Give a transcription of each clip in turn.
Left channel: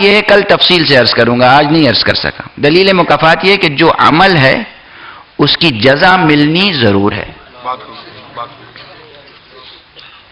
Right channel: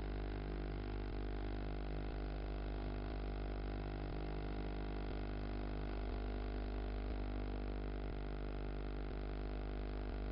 یہ کل تفصیل سے عرض کروں گا، آج نہیں عرض کر سکا۔ دلیل مکافات یہ کہ جو عمل ہے اس کی جزا ملنی ضرور ہے۔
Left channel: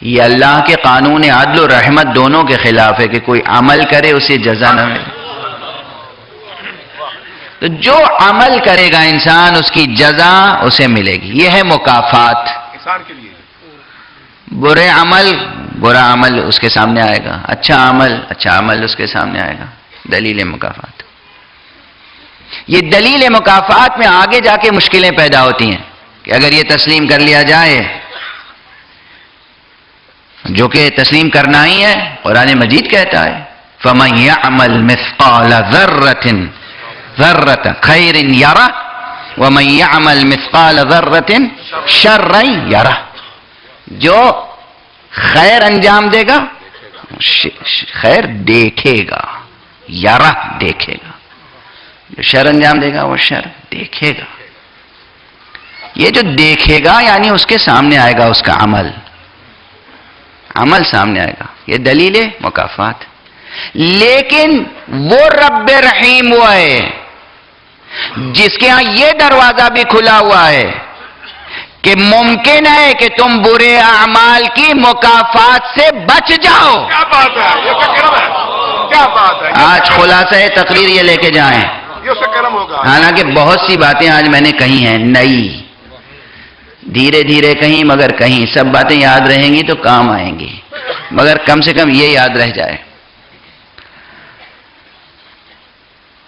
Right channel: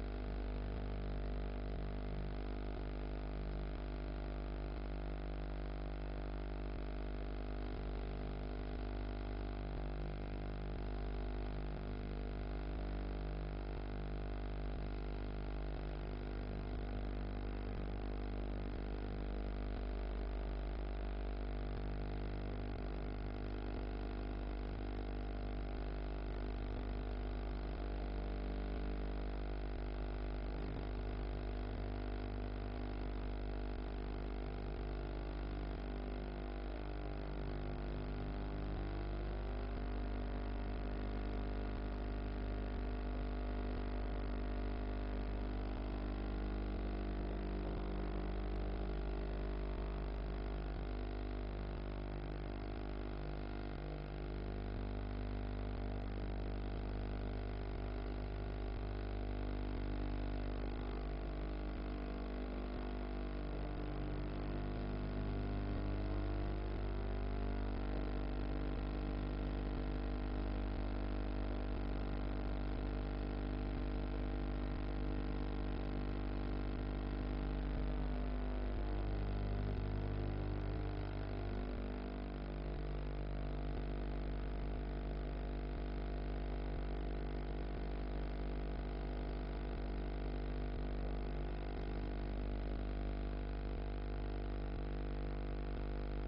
یہ اللہ کے قانون عدل و رحمت دونوں کے خلاف ہے کہ کوئی عمل کرے اسے جزا نہ ملے۔ تو جو عمل کرے گا انسان اس کی جزا اسے ملے گی، یہ ہے مکافات۔ انسان کے لیے برا عمل اس کے سامنے آئے گا، اچھا عمل اس کے سامنے آئے گا۔ دلیل مکافات، یہ دلیل مکافات میں آگے جا کے مشکلیں پیدا ہوتی ہیں کہ اگر یہ تسلیم کر لیا جائے، جو کہ تسلیم کرنا ہی ہے، قرآن مجید کہتا ہے فَمَنْ يَعْمَلْ مِثْقَالَ ذَرَّةٍ خَيْرٍ يَرَهُ وَمَنْ يَعْمَلْ مِثْقَالَ ذَرَّةٍ شَرًّا يَرَهُ۔ جو خیر انجام دے گا خیر دیکھے گا، یرہ دیکھے گا، جو شر انجام دے گا وہ شر دیکھے گا۔ یہ جو دیکھے گا یعنی اس کے سامنے آئے گا، اس کا عمل سامنے آئے گا، یہ دلیل مکافات۔ لیکن وہ رب رحیم ہوا ہے جس کے ہاں یہ دروازہ بھی کھلا ہوا ہے کہ ممکن ہے کہ تم برے اعمال کی مکافات سے بچ جاؤ۔ کیا بات ہے، یہ تو کرم ہے، کیا بات ہے۔ آج خلاصہ تقریر یہ لے کے جائیں، یہ سے کرم ہوگا۔ حالانکہ بہت سی باتیں آج میں نے کہی ہیں نئی، دھیرے دھیرے کہیں، مگر کہیں سب باتیں یاد رہیں گی تو کام آئیں گی، مگر کم سے کم یہ یاد رہ جائے۔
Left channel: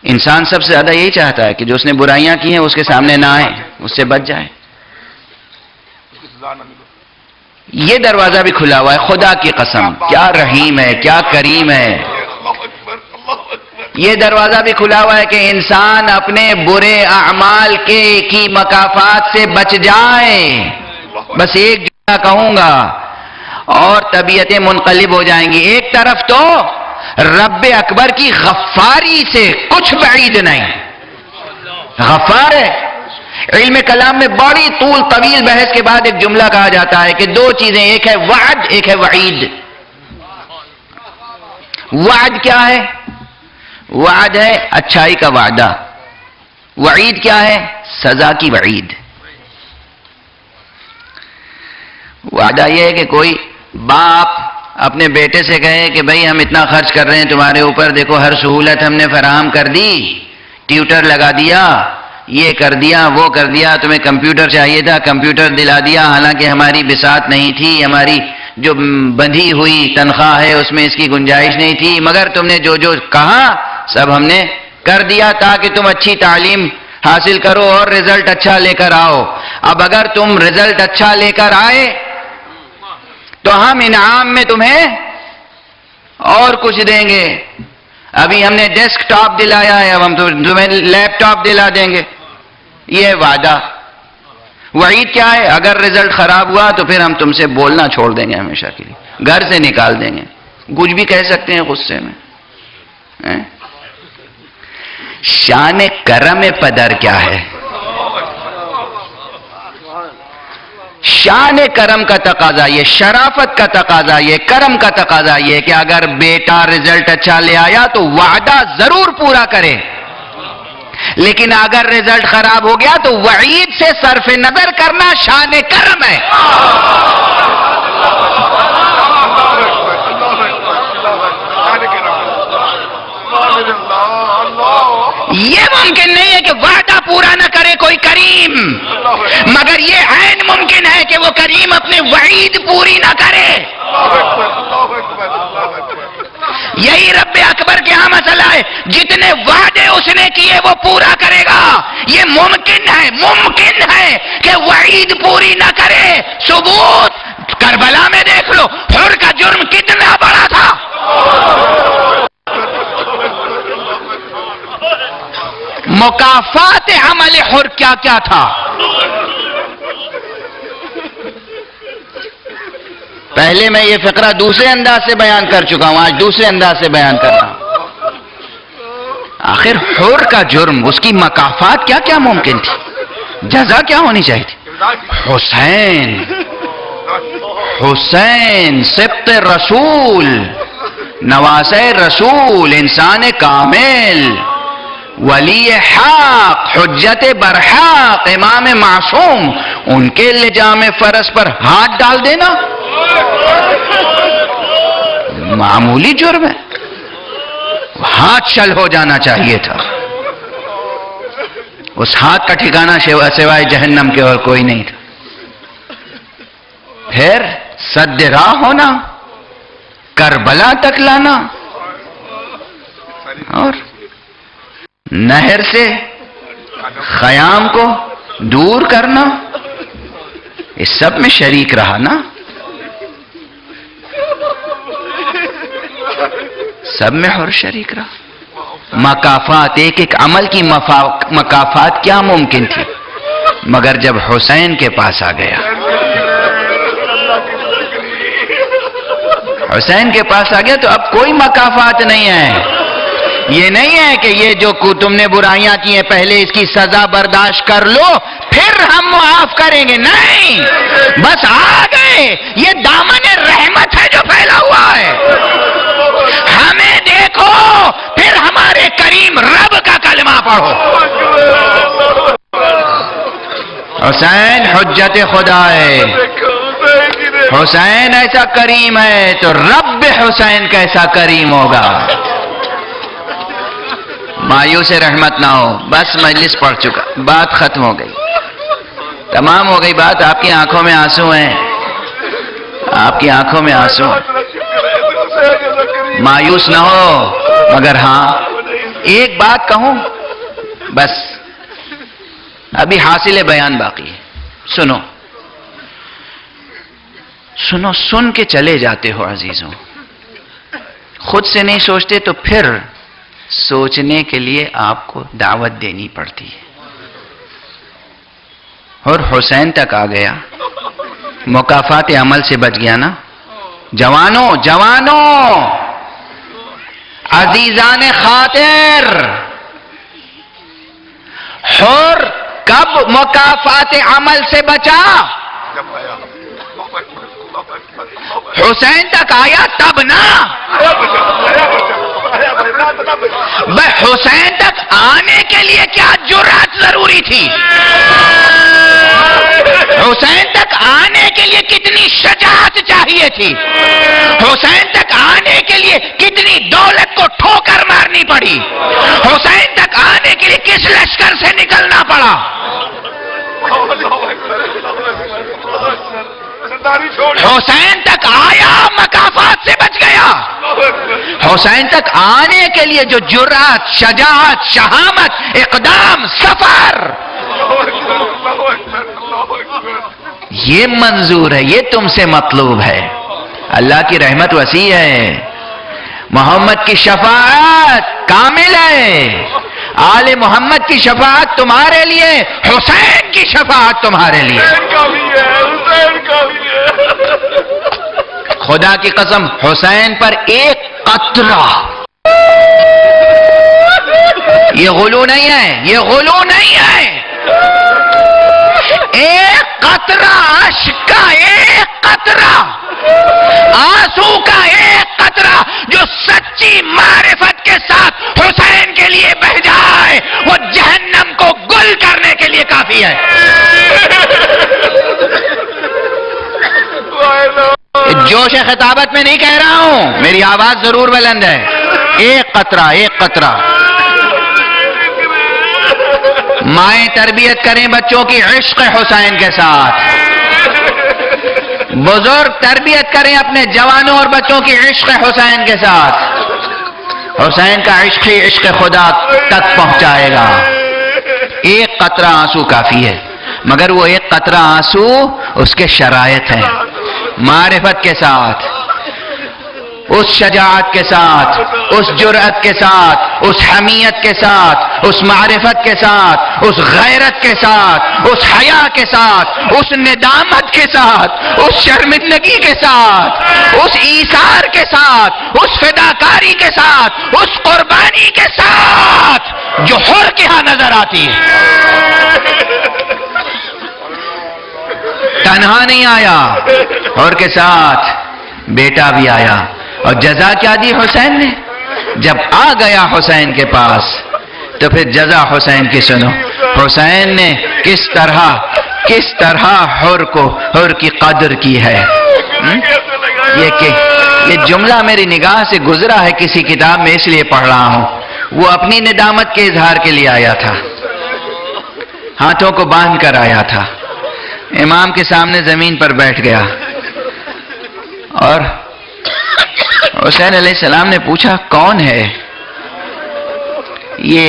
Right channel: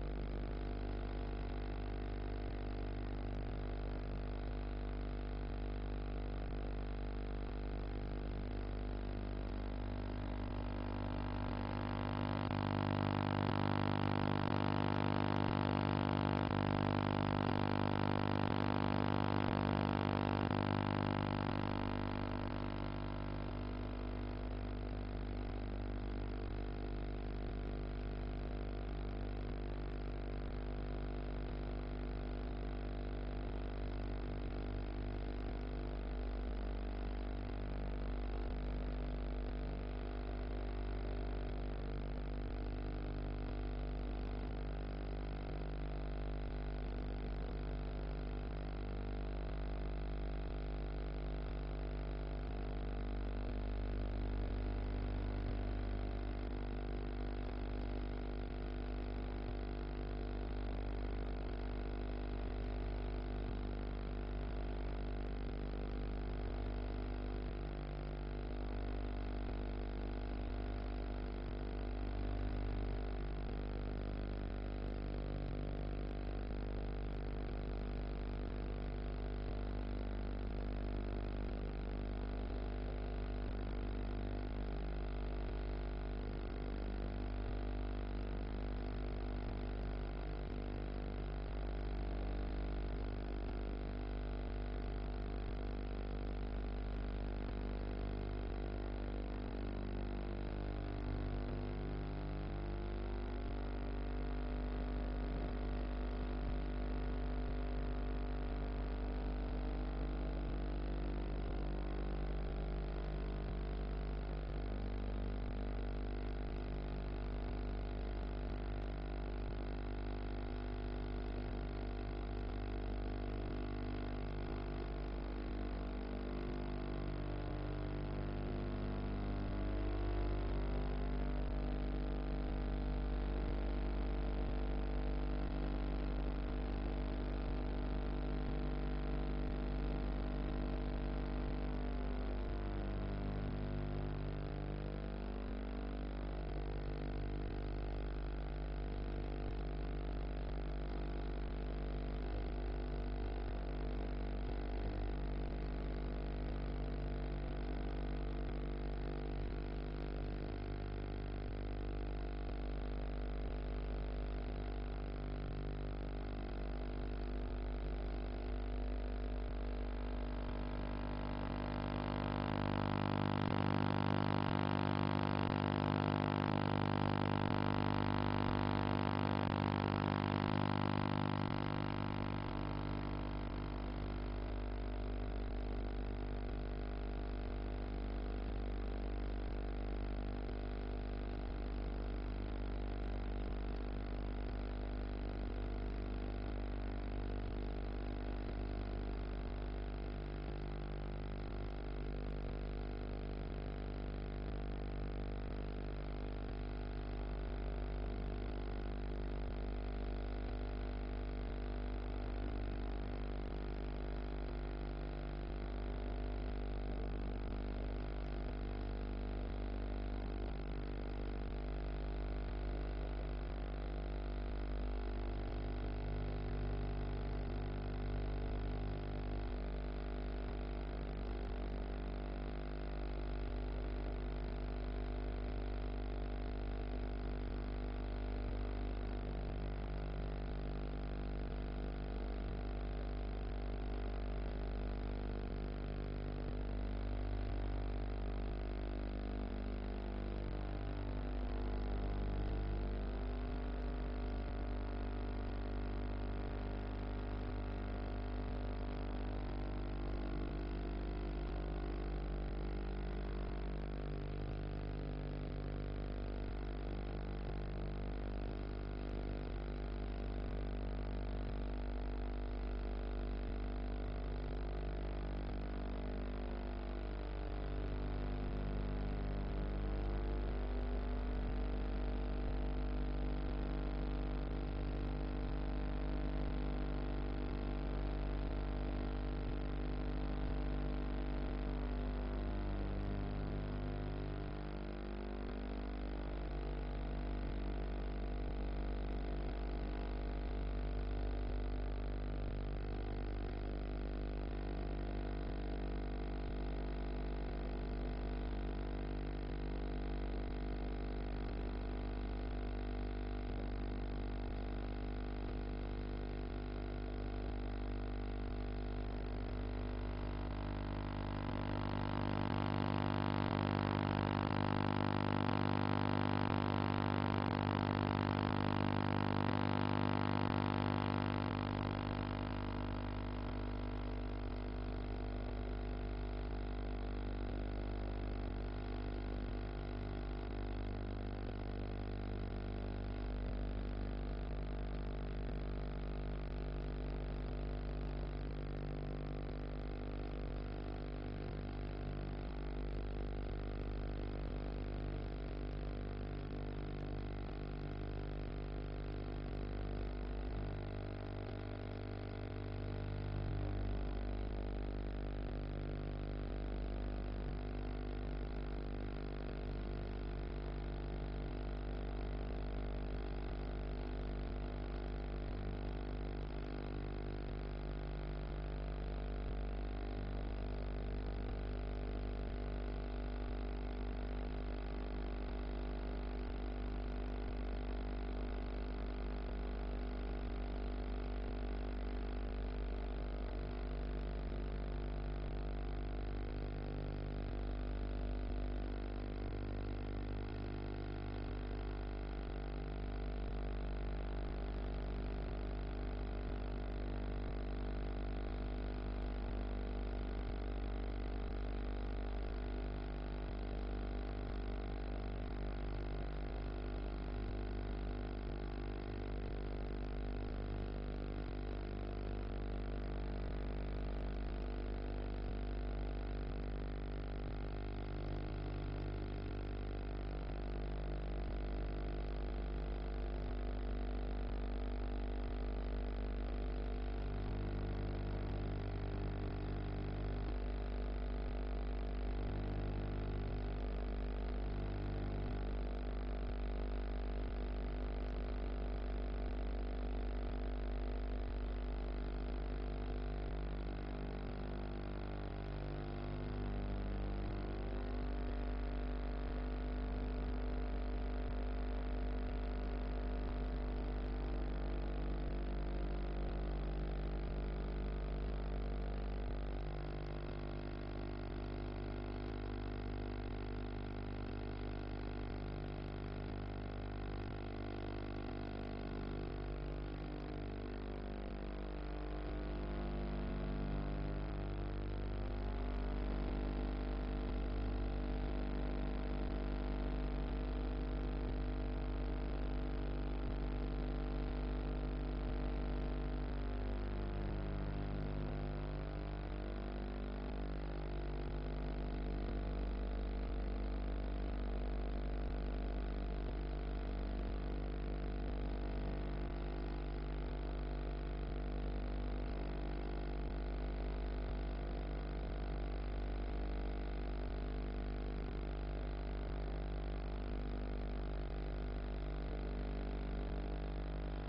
انسان سب سے زیادہ یہی چاہتا ہے کہ جو اس نے برائیاں کی ہیں اس کے سامنے نہ آئے، اس سے بچ جائے۔ یہ دروازہ بھی کھلا ہوا ہے، خدا کی قسم کیا رحیم ہے، کیا کریم ہے۔ یہ دروازہ بھی کھلا ہوا ہے کہ انسان اپنے برے اعمال کی مکافات سے بچ جائے۔ بس ایک جملہ کہوں گا اور طبیعتیں منقلب ہو جائیں گی۔ ایک طرف تو رب اکبر کی غفاری سے کچھ بعید نہیں، غفار ہے۔ علم کلام میں بڑی طویل بحث کے بعد ایک جملہ کہا جاتا ہے کہ دو چیزیں، ایک ہے وعد، ایک ہے وعید۔ وعد کیا ہے؟ وعد ہے اچھائی کا وعدہ، وعید کیا ہے؟ سزا کی وعید۔ وعدہ یہ ہے کہ کوئی باپ اپنے بیٹے سے کہے کہ بھئی ہم اتنا خرچ کر رہے ہیں تمہارے اوپر، دیکھو ہر سہولت ہم نے فراہم کر دی، ٹیوٹر لگا دیا، یہ کر دیا، وہ کر دیا، تمہیں کمپیوٹر چاہیے تھا کمپیوٹر دلا دیا، حالانکہ ہماری بساط نہیں تھی، ہماری جو بندھی ہوئی تنخواہ ہے اس میں اس کی گنجائش نہیں تھی، مگر تم نے جو کہا سب ہم نے کر دیا تاکہ تم اچھی تعلیم حاصل کرو اور رزلٹ اچھا لے کر آؤ۔ اب اگر تم رزلٹ اچھا لے کر آئے تو ہم انعام میں تمہیں اور کچھ دیں گے۔ ابھی ہم نے ڈیسک ٹاپ دلایا ہے، اب ہم تمہیں لیپ ٹاپ دلا دیں گے۔ یہ وعدہ۔ وعید کیا ہے؟ اگر رزلٹ خراب ہوا تو پھر ہم تم سے بولنا چھوڑ دیں گے ہمیشہ کے لیے، گھر سے نکال دیں گے، کچھ بھی کہہ سکتے ہیں غصے میں۔ شان کرم پدر کیا ہے؟ شان کرم کا تقاضا یہ، شرافت کا تقاضا یہ، کرم کا تقاضا یہ کہ اگر بیٹا رزلٹ اچھا لے آیا تو وعدہ ضرور پورا کرے، لیکن اگر رزلٹ خراب ہو گیا تو وعید سے صرف نظر کرنا شان کرم ہے۔ یہ ممکن نہیں ہے کہ وعدہ پورا نہ کرے کوئی کریم، مگر یہ عین ممکن ہے کہ وہ کریم اپنے وعید پوری نہ کرے۔ یہی رب اکبر کے ہاں مسئلہ ہے، جتنے وعدے اس نے کیے وہ پورا کرے گا۔ یہ ممکن ہے کہ وعید پوری نہ کرے۔ ثبوت کربلا میں دیکھ لو، حر کا جرم کتنا بڑا تھا۔ مکافات عمل حر کیا کیا تھا؟ پہلے میں یہ فقرہ دوسرے انداز سے بیان کر چکا ہوں، آج دوسرے انداز سے بیان کر رہا ہوں۔ آخر حر کا جرم، اس کی مکافات کیا کیا ممکن تھی، جزا کیا ہونی چاہیے تھی؟ حسین سبط رسول، نواسہ رسول، انسان کامل، ولی حق، حجت برحق، امام معصوم، ان کے لجام فرض پر ہاتھ ڈال دینا معمولی جرم ہے، ہاتھ شل ہو جانا چاہیے تھا. اس ہاتھ کا ٹھکانہ سوائے جہنم کے اور کوئی نہیں تھا. پھر سد راہ ہونا، کربلا تک لانا، اور نہر سے خیام کو دور کرنا، اس سب میں شریک رہا نا، سب میں اور شریک رہا. مکافات، ایک ایک عمل کی مکافات کیا ممکن تھی، مگر جب حسین کے پاس آ گیا، حسین کے پاس آ گیا تو اب کوئی مکافات نہیں ہے. یہ نہیں ہے کہ یہ جو تم نے برائیاں کی ہیں پہلے اس کی سزا برداشت کر لو پھر ہم معاف کریں گے، نہیں، بس آ گئے. یہ دامن رحمت ہے جو پھیلا ہوا ہے. ہمیں دیکھو پھر ہمارے کریم رب کا کلمہ پڑھو. حسین حجت خدا ہے، حسین ایسا کریم ہے تو رب حسین کیسا کریم ہوگا. مایوس رحمت نہ ہو. بس مجلس پڑھ چکا، بات ختم ہو گئی، تمام ہو گئی بات. آپ کی آنکھوں میں آنسو ہیں، آپ کی آنکھوں میں آنسو ہیں. مایوس نہ ہو، مگر ہاں ایک بات کہوں، بس ابھی حاصل بیان باقی ہے. سنو سنو، سن کے چلے جاتے ہو عزیزوں، خود سے نہیں سوچتے تو پھر سوچنے کے لیے آپ کو دعوت دینی پڑتی ہے. اور حسین تک آ گیا، مکافات عمل سے بچ گیا نا. جوانوں جوانوں، عزیزان خاطر، حر کب مکافات عمل سے بچا؟ حسین تک آیا تب نا. حسین تک آنے کے لیے کیا جرأت ضروری تھی؟ حسین تک آنے کے لیے کتنی شجاعت چاہیے تھی؟ حسین تک آنے کے لیے کتنی دولت کو ٹھوکر مارنی پڑی؟ حسین تک آنے کے لیے کس لشکر سے نکلنا پڑا؟ حسین تک آیا، مکافات سے بچ گیا. حسین تک آنے کے لیے جو جرأت، شجاعت، شہامت، اقدام، سفر، یہ منظور ہے، یہ تم سے مطلوب ہے. اللہ کی رحمت وسیع ہے، محمد کی شفاعت کامل ہے، آل محمد کی شفاعت تمہارے لیے، حسین کی شفاعت تمہارے لیے. خدا کی قسم، حسین پر ایک قطرہ، یہ غلو نہیں ہے، یہ غلو نہیں ہے، ایک قطرہ اشک کا، ایک قطرہ آنسو کا، ایک قطرہ جو سچی معرفت کے ساتھ حسین کے لیے بہہ جائے، وہ جہنم کو گل کرنے کے لیے کافی ہے. جوش خطابت میں نہیں کہہ رہا ہوں، میری آواز ضرور بلند ہے. ایک قطرہ، ایک قطرہ. مائیں تربیت کریں بچوں کی عشق حسین کے ساتھ، بزرگ تربیت کریں اپنے جوانوں اور بچوں کی عشق حسین کے ساتھ. حسین کا عشق ہی عشق خدا تک پہنچائے گا. ایک قطرہ آنسو کافی ہے، مگر وہ ایک قطرہ آنسو اس کے شرائط ہیں. معرفت کے ساتھ، اس شجاعت کے ساتھ، اس جرأت کے ساتھ، اس حمیت کے ساتھ، اس معرفت کے ساتھ، اس غیرت کے ساتھ، اس حیا کے ساتھ، اس ندامت کے ساتھ، اس شرمندگی کے ساتھ، اس ایثار کے ساتھ، اس فداکاری کے ساتھ، اس قربانی کے ساتھ جو حر کے ہاں نظر آتی ہے. تنہا نہیں آیا، حر کے ساتھ بیٹا بھی آیا، اور جزا کیا دی حسین نے؟ جب آ گیا حسین کے پاس تو پھر جزا حسین کی سنو. حسین نے کس طرح حر کی قدر کی ہے. یہ جملہ میری نگاہ سے گزرا ہے کسی کتاب میں، اس لیے پڑھ رہا ہوں. وہ اپنی ندامت کے اظہار کے لیے آیا تھا، ہاتھوں کو باندھ کر آیا تھا، امام کے سامنے زمین پر بیٹھ گیا اور حسین علیہ السلام نے پوچھا کون ہے یہ؟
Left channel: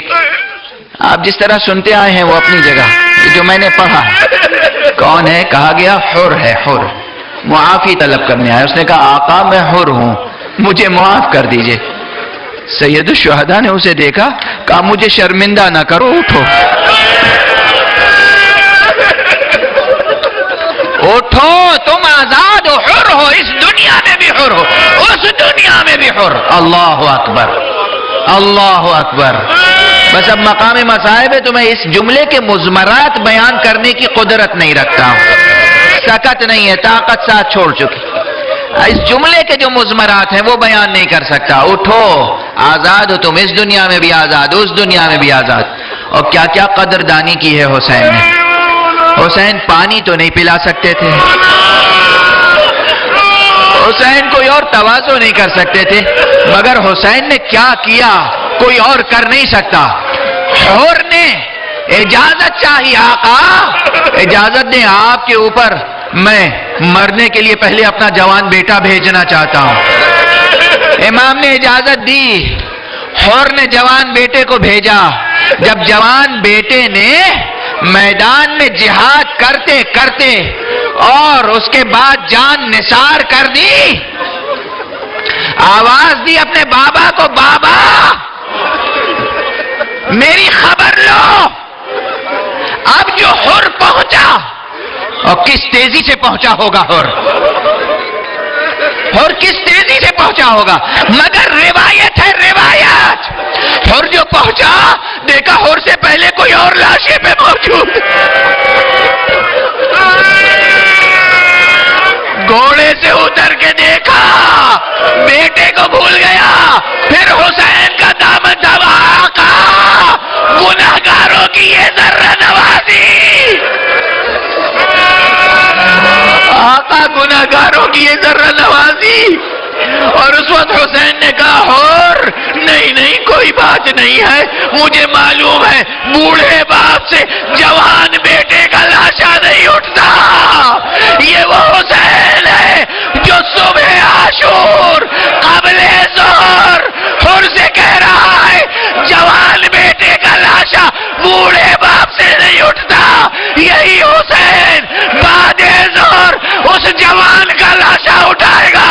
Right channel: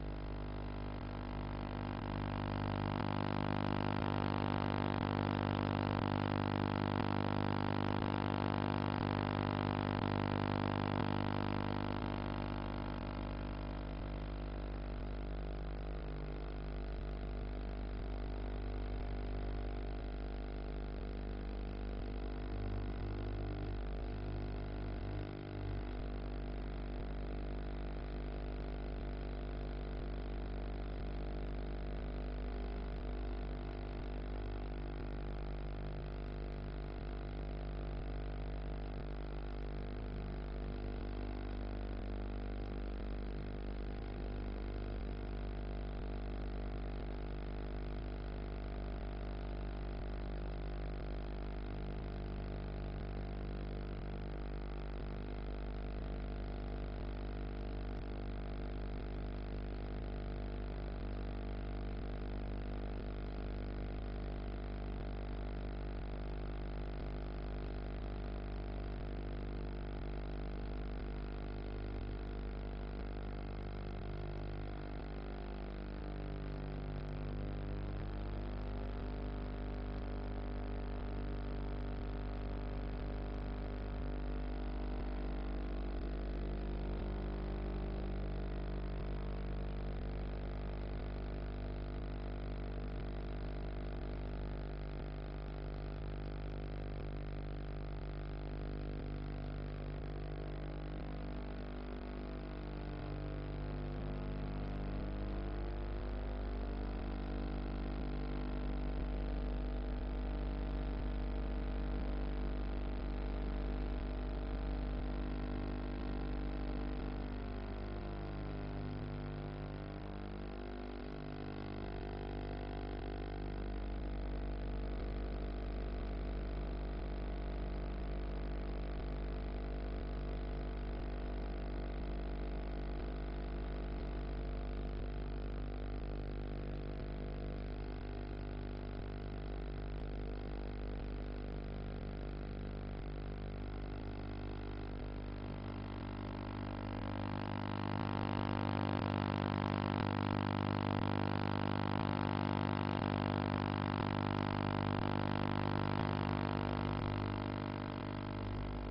آپ جس طرح سنتے آئے ہیں وہ اپنی جگہ، جو میں نے پڑھا کون ہے؟ کہا گیا حر ہے، حر، معافی طلب کرنے آیا. اس نے کہا آقا میں حر ہوں، مجھے معاف کر دیجئے. سید الشہداء نے اسے دیکھا، کہا مجھے شرمندہ نہ کرو، اٹھو اٹھو، تم آزاد ہو، حر ہو، اس دنیا میں بھی حر ہو، اس دنیا میں بھی حر. اللہ اکبر، اللہ اکبر. بس اب مقام مصائب ہے تو میں اس جملے کے مضمرات بیان کرنے کی قدرت نہیں رکھتا ہوں، سکت نہیں ہے، طاقت ساتھ چھوڑ چکی. اس جملے کے جو مضمرات ہیں وہ بیان نہیں کر سکتا. اٹھو، آزاد ہو تم، اس دنیا میں بھی آزاد، اس دنیا میں بھی آزاد. اور کیا کیا قدردانی کی ہے حسین نے. حسین پانی تو نہیں پلا سکتے تھے، حسین کوئی اور تواضع نہیں کر سکتے تھے، مگر حسین نے کیا کیا کوئی اور کر نہیں سکتا. حر نے اجازت چاہی، آقا اجازت دیں، آپ کے اوپر میں مرنے کے لیے پہلے اپنا جوان بیٹا بھیجنا چاہتا ہوں. امام نے اجازت دی، حر نے جوان بیٹے کو بھیجا. جب جوان بیٹے نے میدان میں جہاد کرتے کرتے اور اس کے بعد جان نثار کر دی، آواز دی اپنے بابا کو، بابا میری خبر لو. اب جو حر پہنچا، اور کس تیزی سے پہنچا ہوگا حر کس تیزی سے پہنچا ہوگا، مگر روایت ہے، روایت، حر جو پہنچا دیکھا حر سے پہلے کوئی اور لاشیں پہ موجود. گھوڑے سے اتر کے دیکھا، بیٹے کو بھول گیا. پھر حسین کا دامن تھا، آقا گناہگاروں کی یہ ذرہ نوازی، آقا گناہگاروں کی یہ ذرہ نوازی. اور اس وقت حسین نے کہا حر نہیں کوئی بات نہیں ہے، مجھے معلوم ہے بوڑھے باپ سے جوان بیٹے کا لاشا نہیں اٹھتا. یہ وہ حسین ہے جو صبح عاشور قبل ظہر حر سے کہہ رہا ہے جوان بیٹے کا لاشا بوڑھے باپ سے نہیں اٹھتا. یہی حسین بعد ظہر اس جوان کا لاشا اٹھائے گا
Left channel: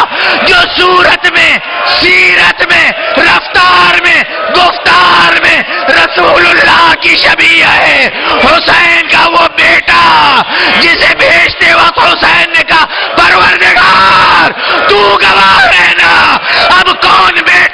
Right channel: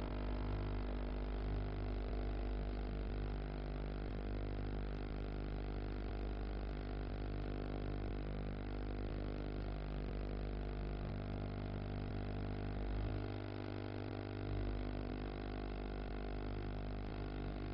جو صورت میں، سیرت میں، رفتار میں، گفتار میں رسول اللہ کی شبیہ ہے. حسین کا وہ بیٹا جسے بھیجتے وقت حسین نے کہا پروردگار تو گواہ رہنا، اب کون بیٹا